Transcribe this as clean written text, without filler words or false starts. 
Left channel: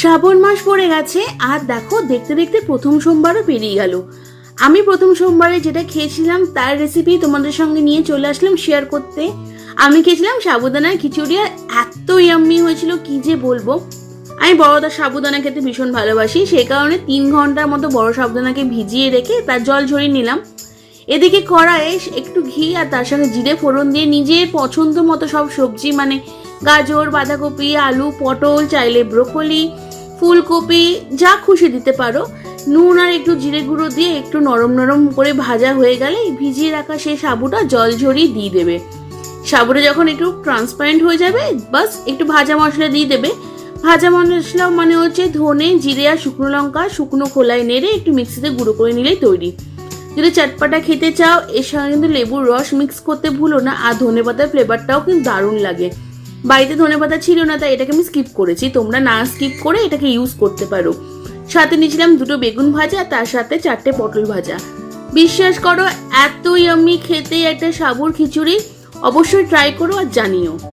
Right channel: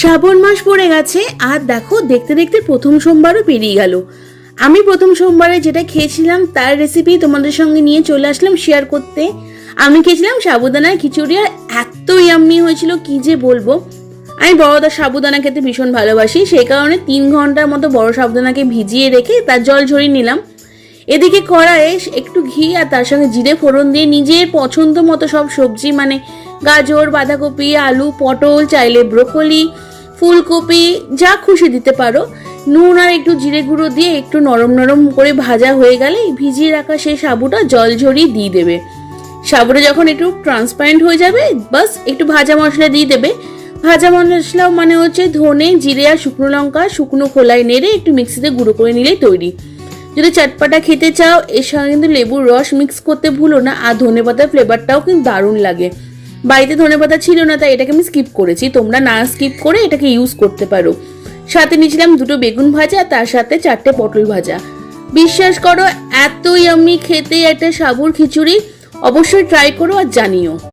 শ্রাবণ মাস পড়ে গেছে আর দেখো দেখতে দেখতে প্রথম সোমবারও পেরিয়ে গেল। আমি প্রথম সোমবারে যেটা খেয়েছিলাম তার রেসিপি তোমাদের সঙ্গে নিয়ে চলে আসলাম শেয়ার করতে। আমি খেয়েছিলাম সাবুদানার খিচুড়ি আর এত ইয়াম্মি হয়েছিল কি যে বলবো। আমি বড়দা সাবুদানা খেতে ভীষণ ভালোবাসি, সেই কারণে 3 ঘন্টার মতো বড় সাবুদানাকে ভিজিয়ে রেখে তার জল ঝরিয়ে নিলাম। এদিকে কড়াইয়ে একটু ঘি আর তার সঙ্গে জিরে ফোড়ন দিয়ে নিজের পছন্দ মতো সব সবজি মানে গাজর, বাঁধাকপি, আলু, পটল, চাইলে ব্রোকলি, ফুলকপি যা খুশি দিতে পারো, নুন আর একটু জিরে গুঁড়ো দিয়ে একটু নরম নরম করে ভাজা হয়ে গেলে ভিজিয়ে রাখা সেই সাবুটা জল ঝরিয়ে দিয়ে দেবে। সাবুটা যখন একটু ট্রান্সপারেন্ট হয়ে যাবে বাস একটু ভাজা মশলা দিয়ে দেবে। ভাজা মশলা মানে হচ্ছে ধনে, জিরে আর শুকনো লঙ্কা শুকনো খোলায় নেড়ে একটু মিক্সিতে গুঁড়ো করে নিলেই তৈরি। যদি চটপাটা খেতে চাও এর সঙ্গে কিন্তু লেবুর রস মিক্স করতে ভুলো না, আর ধনেপাতার ফ্লেভারটাও কিন্তু দারুণ লাগে। বাড়িতে ধনেপাতা ছিল না তাই এটাকে আমি স্কিপ করেছি, তোমরা না স্কিপ করে এটাকে ইউজ করতে পারো। সাথে নিয়েছিলাম 2টো বেগুন ভাজা, তার সাথে 4টে পটল ভাজা। বিশ্বাস করো এত ইয়াম্মি খেতে একটা সাবুর খিচুড়ি, অবশ্যই ট্রাই করো আর জানিও।